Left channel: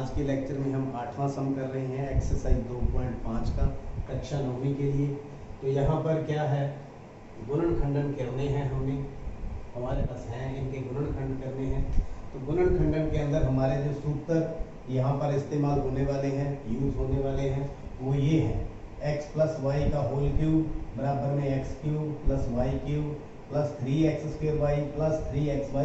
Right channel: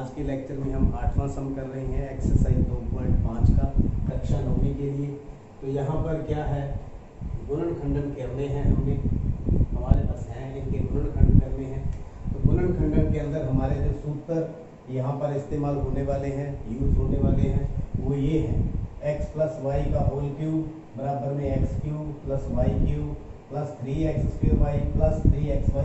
आज के लेक्चर में हम 8वां सम कर रहे हैं एक्सरसाइज 2.5 का कक्षा 9वीं के लिए। तो यहाँ पर क्या है, गुणनखंडन करने हैं, हमारे पास हैं, इनके गुणनखंड करने हैं। तो गुणनखंडन के अंदर हमारे जो सूत्र यहाँ पर इस्तेमाल होने वाले हैं, यूज होने वाले हैं, वो ये हैं x प्लस वाई का होल क्यूब बराबर में x cube plus y cube plus 3x square y plus 3xy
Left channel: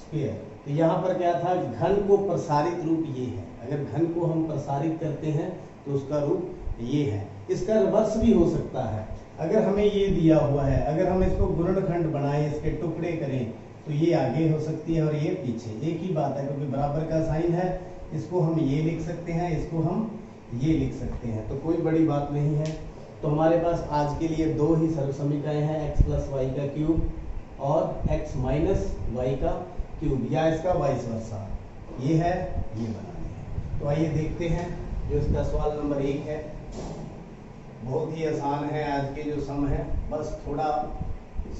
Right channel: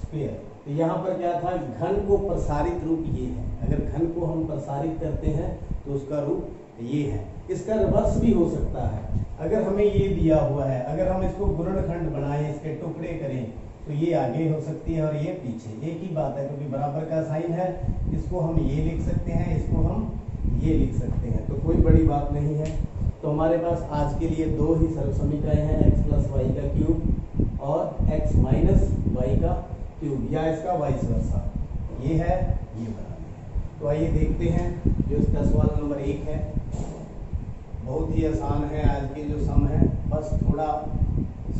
square. तो यहाँ पर क्या था, घन को प्रसारित रूप ये है। अगर घन को हम प्रसारित करते हैं तो उसका रूप ये है। इसका रिवर्स भी हो सकता है। अगर हमें ये दिया हुआ है, अगर हम इसको गुणनखंड बनाएं, इसके टुकड़े करें, तो ये आगे हो सकती है और ये पीछे, एक ही बात है, क्योंकि बराबर का साइन है। इसको हम ये लिख सकते हैं, इसको हम ये लिख सकते हैं, तो कोई बड़ी बात नहीं है। तो हमारे पास आज के लिए दो ही सर्व समीकरण हैं, x प्लस वाई का क्यूब और x माइनस वाई का क्यूब, या इसका वाइस वर्सा, ये है, ये बनाने हैं। तो आइए देखते हैं जो इसका सवाल नंबर 1 है। बहुत ही आसान है, आज के जो सम है बस थोड़ा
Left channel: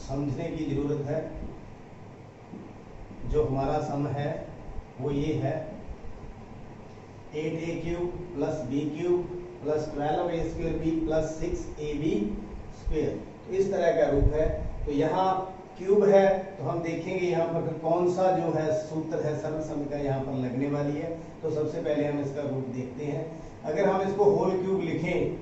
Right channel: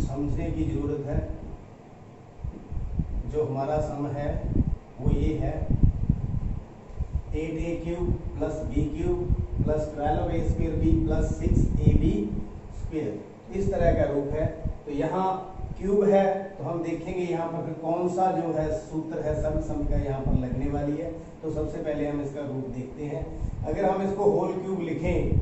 समझने की जरूरत है। जो हमारा सम है वो ये है 8a cube plus b cube plus 12a square b plus 6ab square, इस तरह का रूप है। तो यहाँ क्यूब है, तो हम देखेंगे यहाँ पर कौन सा जो है सूत्र है सर्व सम का यहाँ पर लगने वाली है। तो सबसे पहले हम इसका रूप देखते हैं। अगर हम इसको होल क्यूब लिखें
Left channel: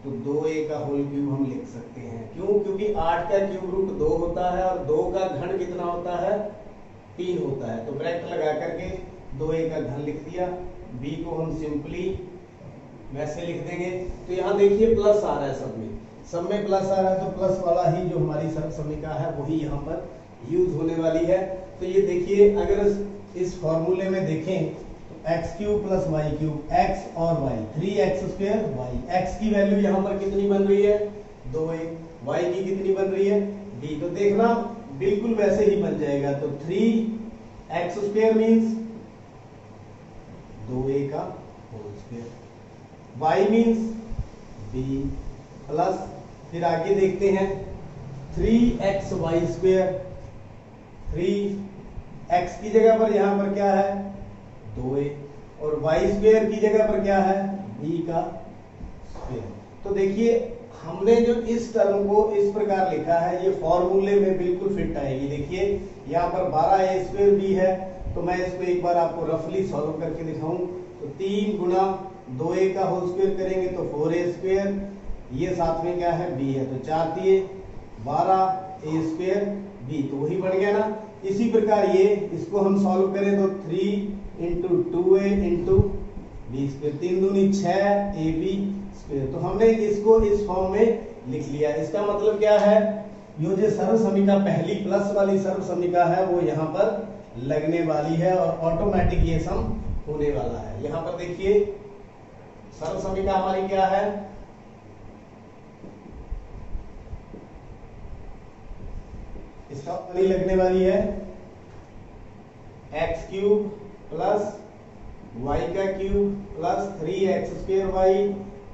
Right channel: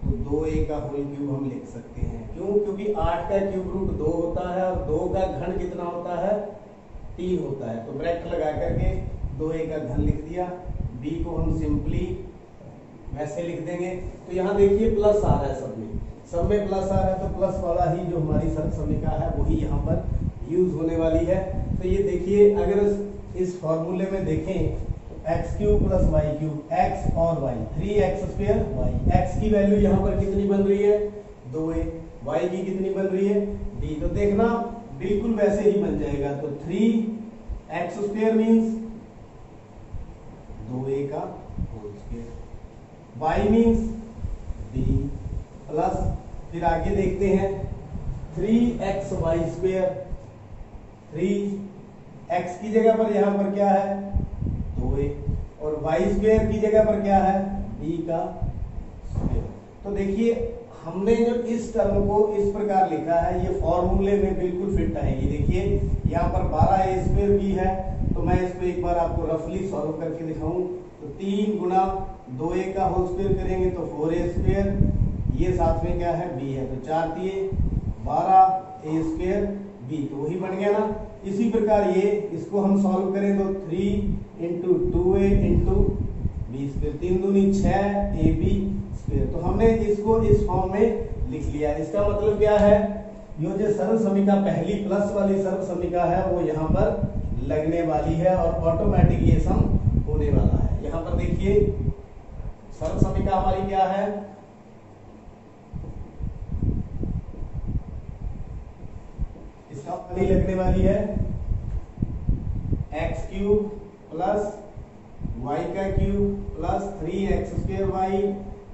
तो 2a का होल क्यूब हम लिख सकते हैं। क्यों? क्योंकि 8 का क्यूब रूट 2 होता है और 2 का घन कितना होता है, 3 होता है। तो ब्रैकेट लगा करके 2a का घन लिख दिया, b को हम सिंपली वैसे लिख देंगे। तो यहाँ देखिए प्लस आ रहा है, सब में प्लस आ रहा है, तो प्लस वाला ही जो हमारी सर्व समीका है वही यहाँ पर यूज होने वाली है। तो ये देखिए, अगर इस फॉर्मूले में देखें तो x cube plus y cube, x और y 3x square y, x की वैल्यू यहाँ पर कितनी बन रही है 2a, वाई की कितनी बन रही है b। तो देखना बिल्कुल वैसे ही बन जाएगा। तो 3x स्क्वायर मीन्स 2a का whole square, y means b plus, फिर आगे देखते हैं 3xy स्क्वायर, 3x की जगह पर यहाँ पर क्या है 2a, और y स्क्वायर की जगह पर क्या है b का स्क्वायर। तो देखिए हमने जो इस टर्म को इस प्रकार लिखा है, ये फॉर्मूले में बिल्कुल फिट आएगी। देखिए यहाँ पर 12a स्क्वायर b है, तो मैं इसको एक बार आपको रफली सॉल्व करके दिखाऊं। तो 3 गुना 2a का होल स्क्वायर करेंगे तो 4a स्क्वायर, ये साथ में क्या है b है, तो 4 दिए 12a स्क्वायर b, तो वही बन गया ना। इसी प्रकार ये इसको हम सॉल्व करें तो 3 into 2a into b square, 3 दूनी 6ab स्क्वायर। तो हमने इसको इस फॉर्म में लिख लिया। इसका मतलब क्या है, ये जो सर्व समीका पहली प्लस वाली सर्व समीका है वो यहाँ पर लगने वाली है और ऑटोमेटिक ये सम होने वाला है। यहाँ पर देखिए सर्व समीका हमारी क्या है, इसका वाली लगने वाली है x क्यूब प्लस y का cube plus 3x square y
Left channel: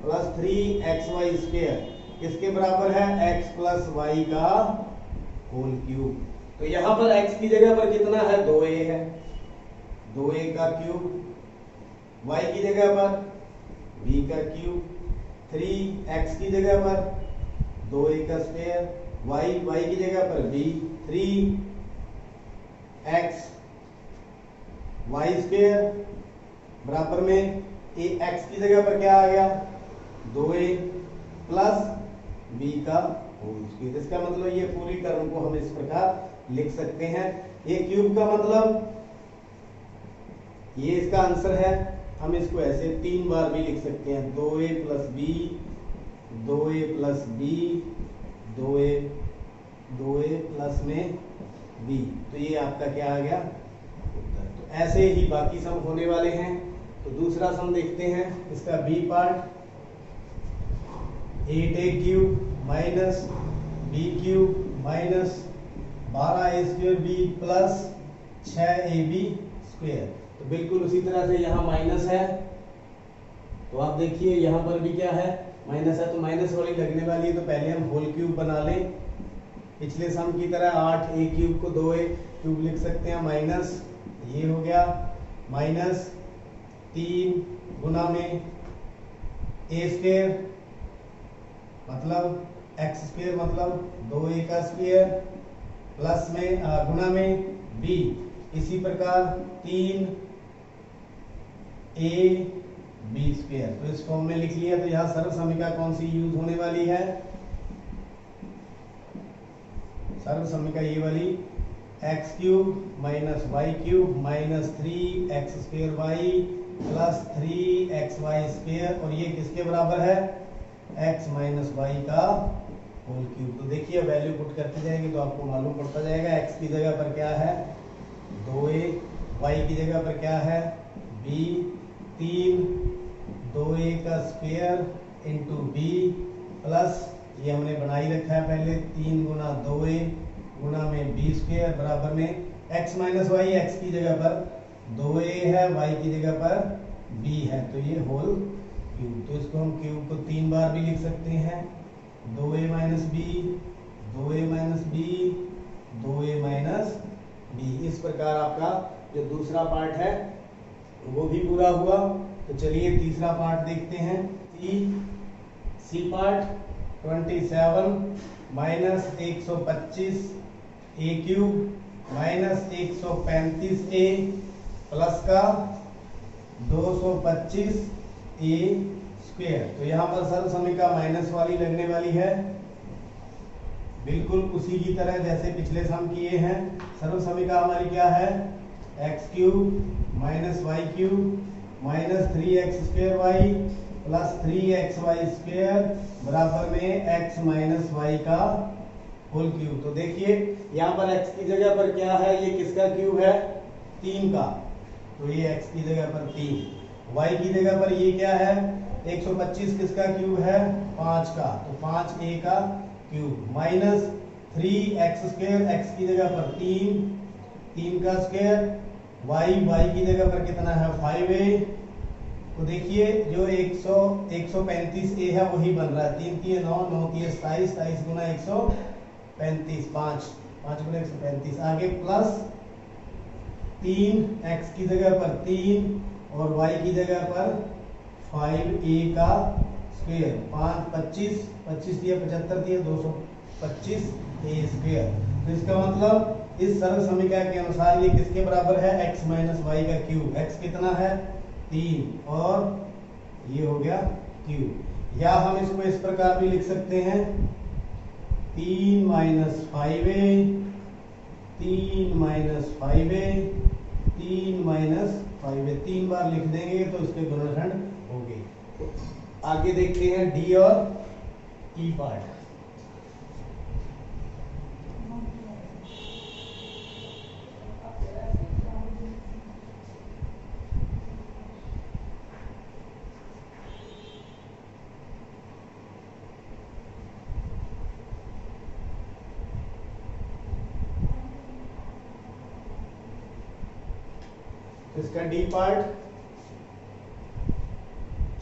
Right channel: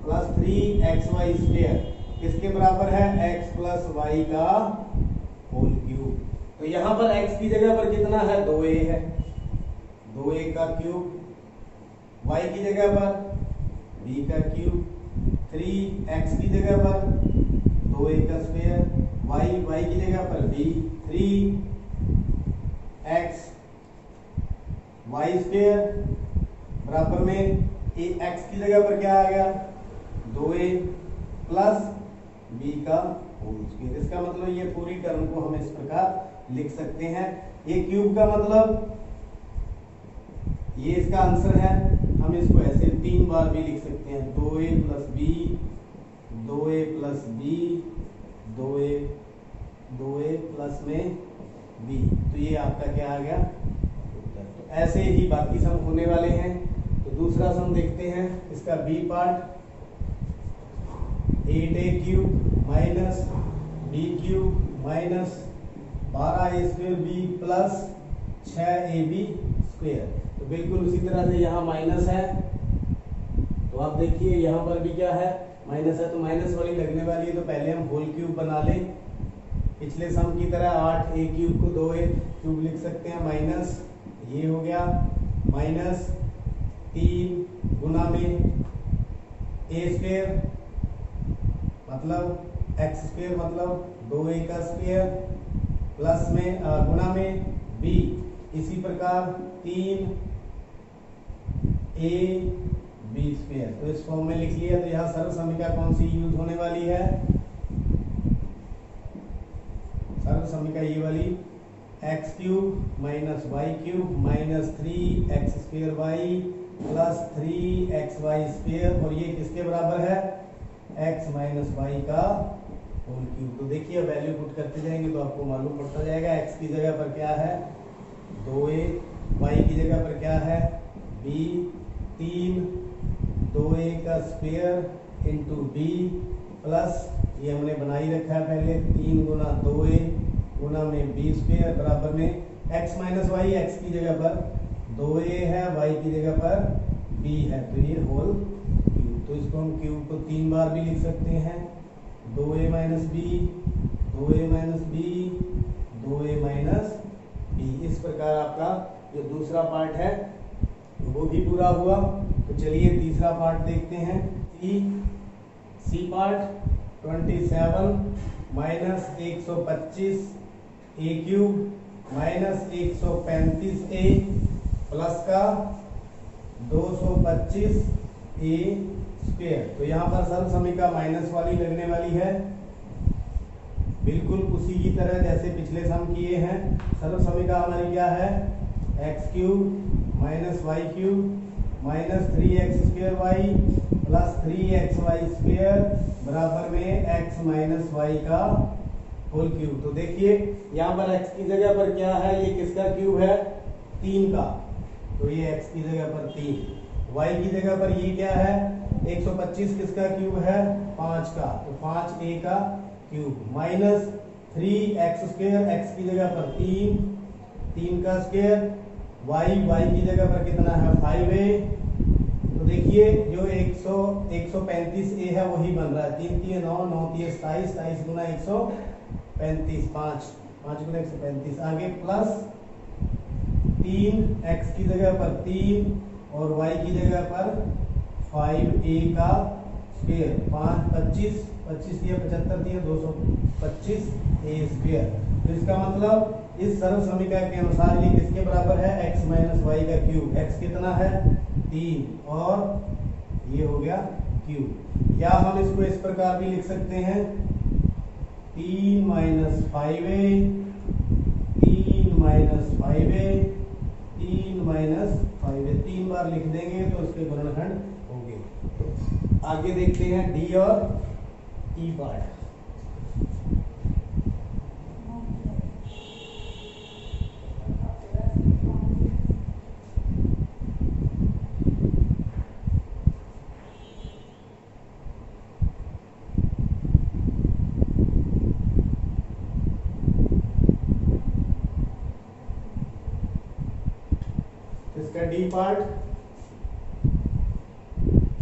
plus 3xy square, किसके बराबर है x प्लस y का होल क्यूब। तो यहाँ पर x की जगह पर कितना है 2a है, 2a का क्यूब, y की जगह पर b का क्यूब, 3x की जगह पर 2a का स्क्वायर, y की जगह पर b, 3x y स्क्वायर बराबर में x की जगह पर क्या आ गया 2a प्लस b का होल स्क्वायर। इसका मतलब ये पूरी टर्म को हम इस प्रकार लिख सकते हैं। ये क्यूब का मतलब ये इसका आंसर है, हम इसको ऐसे 3 बार भी लिख सकते हैं, 2a plus b, 2a plus b, 2a plus में b। तो ये आपका क्या आ गया उत्तर। तो ऐसे ही बाकी सम होने वाले हैं। तो दूसरा सम देखते हैं, इसका b part 8a cube minus b cube minus 12a square b plus 6ab square. तो बिल्कुल उसी तरह से यहाँ माइनस है, तो आप देखिए यहाँ पर भी क्या है माइनस है, तो माइनस वाली लगने वाली है। तो पहले हम होल क्यूब बना लें, पिछले सम की तरह 8a क्यूब को 2a क्यूब लिख सकते हैं, माइनस ये हो गया माइनस 3 गुना में a स्क्वायर मतलब x स्क्वायर मतलब 2a का स्क्वायर प्लस में गुना में b, इसी प्रकार 3a b स्क्वायर। तो इस फॉर्म में लिख लिया। तो यहाँ सर्व समीका कौन सी यूज होने वाली है? सर्व समीका ये वाली x cube minus y cube minus 3x square y plus 3xy square, और ये किसके बराबर है? x माइनस वाई का होल क्यूब। तो देखिए वैल्यू पुट करते जाएंगे तो आपको मालूम पड़ता जाएगा। x की जगह पर क्या है? 2a, y की जगह पर क्या है? b, 3 2a का स्क्वायर इंटू b प्लस ये हमने बनाई रखा है पहले 3 गुना 2a गुना में b स्क्वायर बराबर में x माइनस वाई, x की जगह पर 2a है, y की जगह पर b है, तो ये होल क्यूब। तो इसको हम क्यूब को 3 बार भी लिख सकते हैं, 2a minus b, 2a minus b, 2a minus b। इस प्रकार आपका जो दूसरा पार्ट है वो भी पूरा हुआ। तो चलिए तीसरा पार्ट देखते हैं। सी पार्ट 27 माइनस 125 ए क्यूब माइनस 135 ए प्लस का 225 ए स्क्वायर। तो यहाँ पर सर्व समीका माइनस वाली लगने वाली है, बिल्कुल उसी की तरह जैसे पिछले सम किए हैं। सर्व समीका हमारी क्या है? X cube minus y cube minus 3x square y plus 3xy square बराबर में x माइनस वाई का होल क्यूब। तो देखिए यहाँ पर x की जगह पर क्या है? ये किसका क्यूब है? 3 का, तो ये x की जगह पर 3, y की जगह पर ये क्या है? 125 किसका क्यूब है? 5 का, तो 5a का cube minus 3x square, x की जगह पर 3 का स्क्वायर, y की जगह पर कितना है? 5a। तो देखिए जो 135a है वही बन रहा है, 3 3 9 9 3 27, 27 गुना 135, 5 गुना 135, आगे प्लस 3x की जगह पर 3 और y की जगह पर 5a का स्क्वायर, 5 25 25 दिया 75 दिया 225 a स्क्वायर। तो इसका मतलब इस सर्व समीका के अनुसार ये किसके बराबर है? x माइनस वाई का क्यूब। x कितना है? 3 और ये हो गया क्यूब। या हम इसको इस प्रकार भी लिख सकते हैं 3 minus 5a 3 minus 5a 3 minus 5a, 3 बार लिख देंगे तो इसके गुणनखंड होंगे। आगे देखते हैं डी और ई पार्ट। इसका D part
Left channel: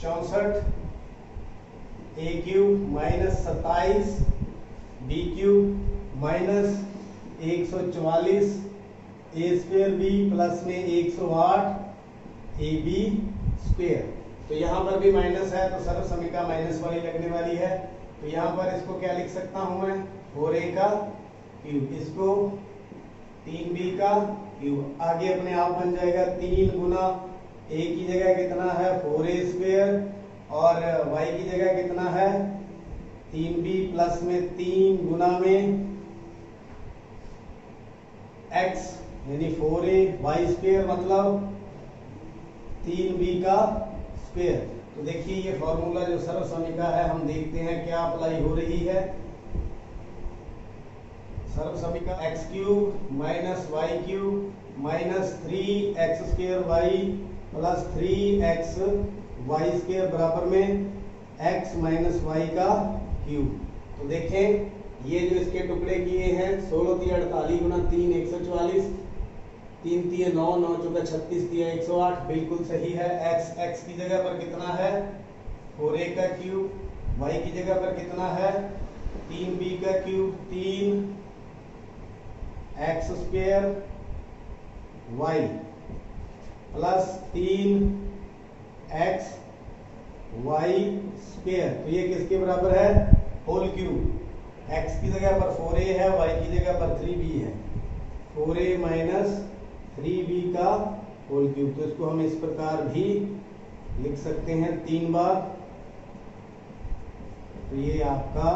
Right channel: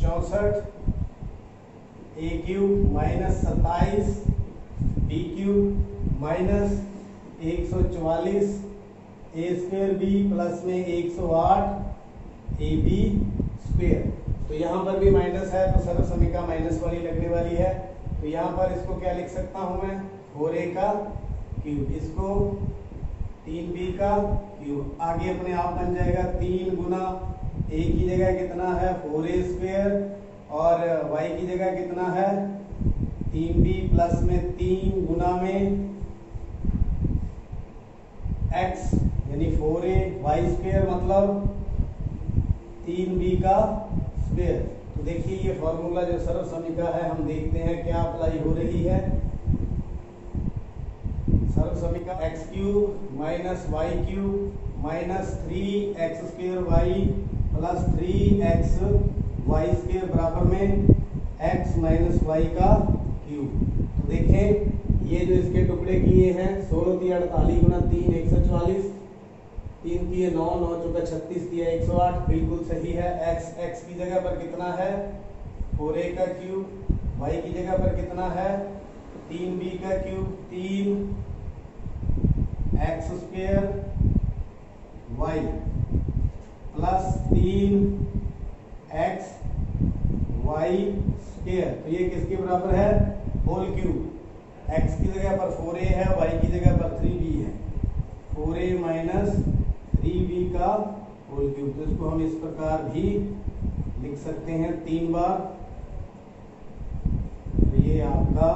64 A cube minus 27 B cube minus 144 A square B plus में 108 ए बी स्क्वायर। तो यहाँ पर भी माइनस है तो सर्व समीका माइनस वाली लगने वाली है। तो यहाँ पर इसको क्या लिख सकता हूँ मैं? 4a का क्यूब, इसको 3b का क्यूब। आगे अपने आप बन जाएगा 3 गुना a की जगह कितना है? 4a स्क्वायर और y की जगह कितना है? 3b प्लस में 3 गुना में x यानी 4a y स्क्वायर मतलब 3b का स्क्वायर। तो देखिए ये फॉर्मूला जो सर्व समीका है हम देखते हैं क्या अप्लाई हो रही है। सर्व समीका x cube minus y cube minus 3x square y plus 3x y square बराबर में x माइनस वाई का क्यूब। तो देखें ये जो इसके टुकड़े किए हैं 16 × 48 गुना 3 144, 3 3 9 9 चौका 36 दिया 108, बिल्कुल सही है। x की जगह पर कितना है? 4a का क्यूब, y की जगह पर कितना है? 3b का cube, 3 x square y plus 3 x y square, तो ये किसके बराबर है, होल क्यूब। एक्स की जगह पर 4a है, वाई की जगह पर 3b है, 4a माइनस 3b का होल क्यूब। तो इसको हम इस प्रकार भी लिख सकते हैं 3 बार। तो ये आपका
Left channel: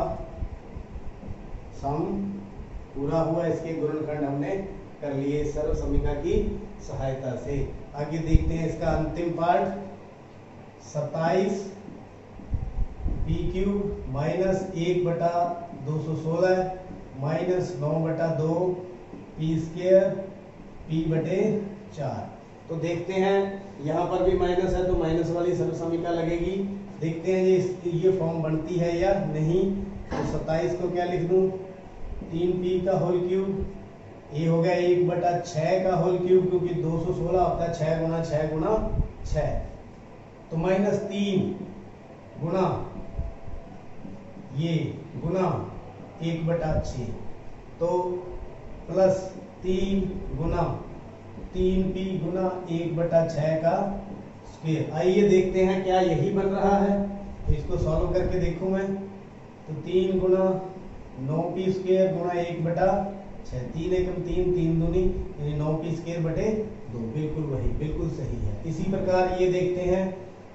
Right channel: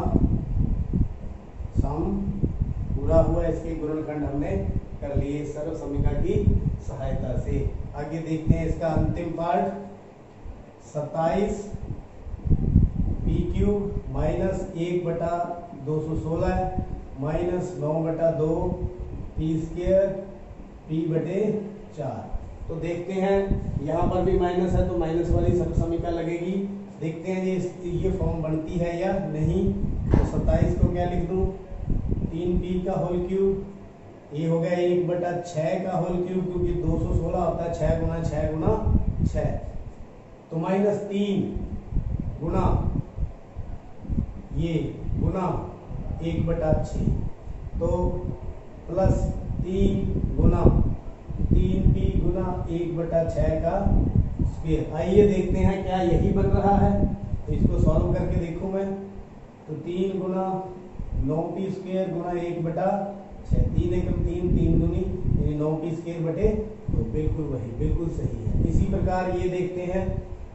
सम पूरा हुआ, इसके गुणनखंड हमने कर लिए सर्व समीकरण की सहायता से। आगे देखते हैं इसका अंतिम part, 27 P cube minus 1/216 minus 9/2 P square P बटे 4। तो देखते हैं यहाँ पर भी माइनस है तो माइनस वाली सर्व समीकरण लगेगी। देखते हैं ये फॉर्म बनती है या नहीं। तो 27 को क्या लिख दूं, 3p का होल क्यूब, ये हो गया 1/6 का होल क्यूब, क्योंकि 216 होता है 6 गुना 6 गुना 6, तो माइनस 3 गुना ये गुना 1/6, तो प्लस 3 गुना 3p गुना 1/6 का स्क्वायर। आइए देखते हैं क्या यही बन रहा है। तो इसको सॉल्व करके देखूं मैं, तो 3 गुना 9p स्क्वायर गुना 1/6, 3 एकम 3, 3 दूनी यानी 9p स्क्वायर बटे 2, बिल्कुल वही, बिल्कुल सही है। इसी प्रकार ये देखते हैं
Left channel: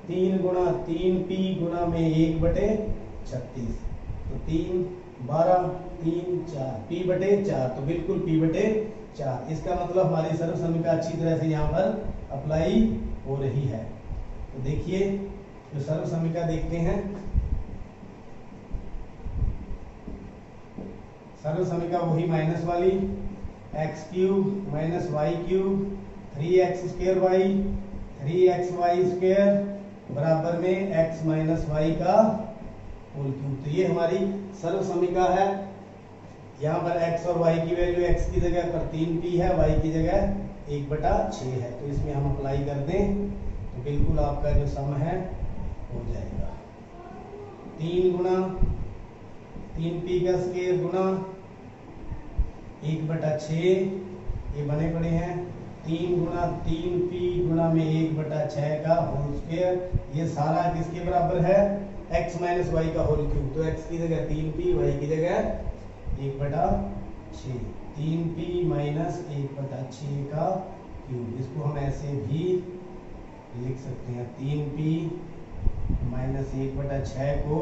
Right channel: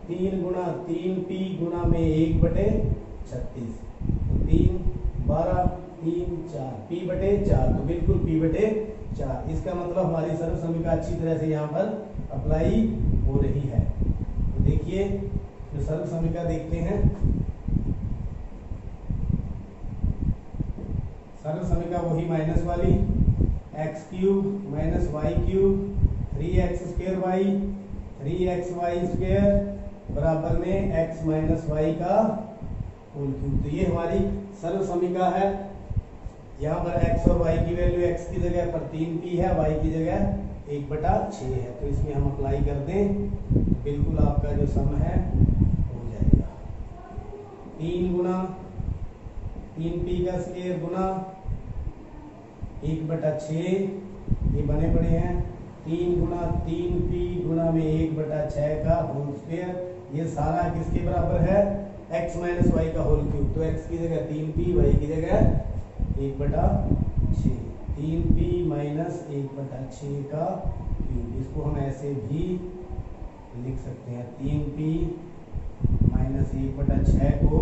3 गुना 3p गुना में 1/36, तो 3 12 3 4 p बटे 4, तो बिल्कुल p बटे 4। इसका मतलब हमारी सर्व समीकरण अच्छी तरह से यहाँ पर अप्लाई हो रही है। तो देखिए जो सर्व समीकरण देखते हैं, सर्व समीकरण वही माइनस वाली, x cube minus y cube 3x square y 3xy square बराबर में x माइनस वाई का होल क्यूब। तो ये हमारी सर्व समीकरण है। यहाँ पर x और y की वैल्यू, x की जगह पर 3p है, y की जगह 1/6 है। तो इसमें हम अप्लाई कर दें तो बिल्कुल आपका जो सम है हो जाएगा। 3 गुना 3p का स्क्वायर गुना 1/6, ये बने पड़े हैं 3 गुना 3p गुना में 1/6 का होल स्क्वायर। ये सारा किसके बराबर है, x माइनस वाई का होल क्यूब। तो x की जगह 3p, y की जगह 1/6, 3p माइनस 1/6 का क्यूब। इसको हम ऐसे भी लिख सकते हैं, 3p माइनस 1/6 को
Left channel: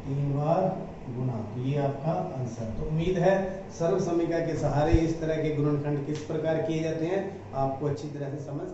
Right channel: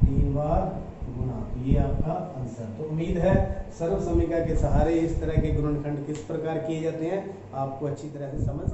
3 बार गुना। तो ये आपका आंसर। तो उम्मीद है सर्व समीकरण के सहारे इस तरह के गुणनखंड किस प्रकार किए जाते हैं आपको अच्छी तरह से समझ